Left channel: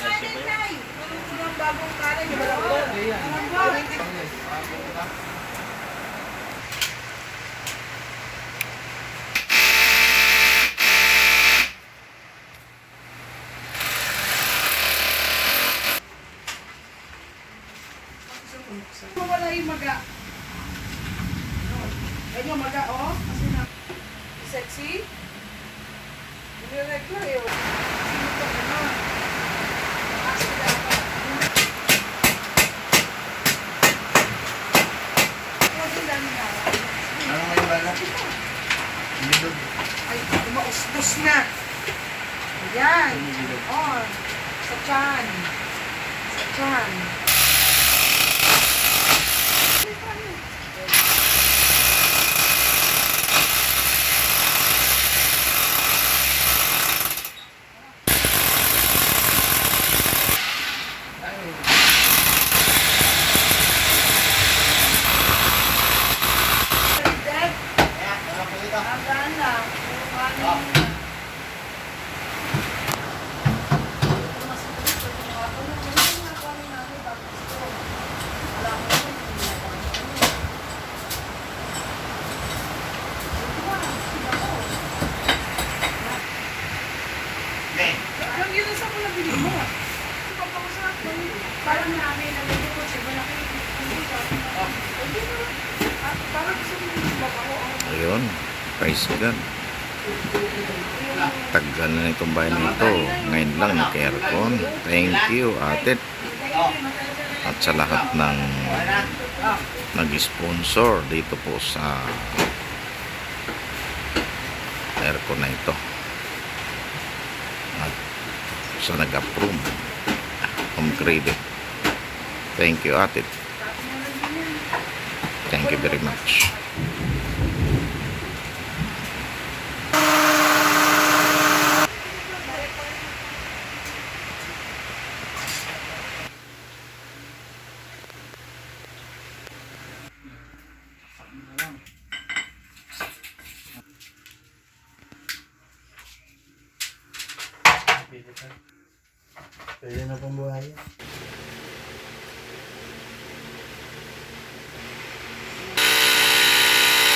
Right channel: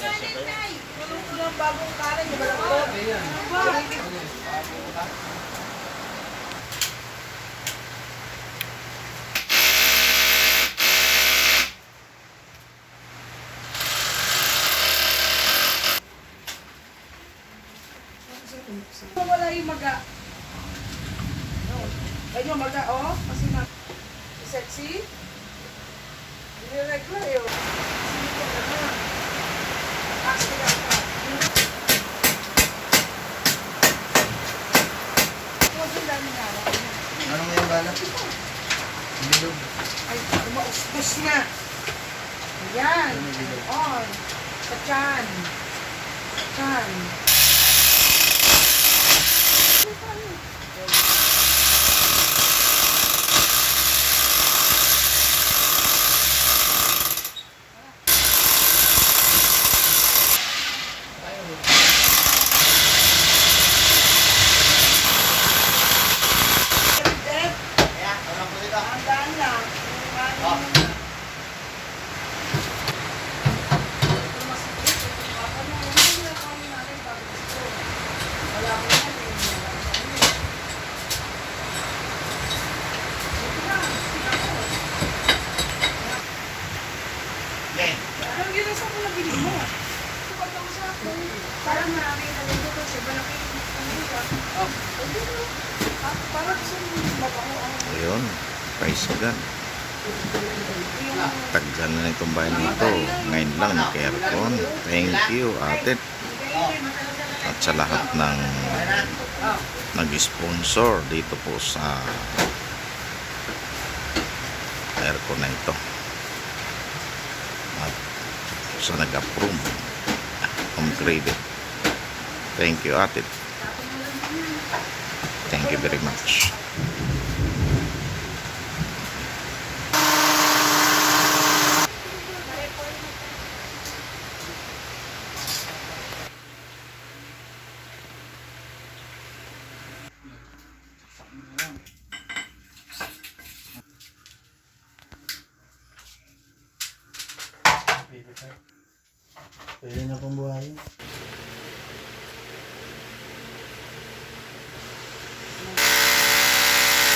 Bagong kanan, di ba lang po? Wala yung maga. Ayun, maga, oh. Kasi na, sexy. Niregla yun. Sino ko, ano? Accident pa. Ako din lang ninawa. Ano nga yung balak? Bilog. Ay, umaustos na. Ayan. On. Sa tiyan. Sa tiyan. Hanggang lang. Ang ginas ako na bili mo. Parang marami na lang dito siya. Malaki parang gusto mo mabaho ang Ayun, praise God. Tagal na itong bahay na ito. Ngayon lang naka-aircon. Thank you, ate. At sa lahat ng nag-sponsor dito po sa aircon na ito. At sa nag-approve. Home credit. Thank you, ate. Thank you very much. Pwede na pong buhayin.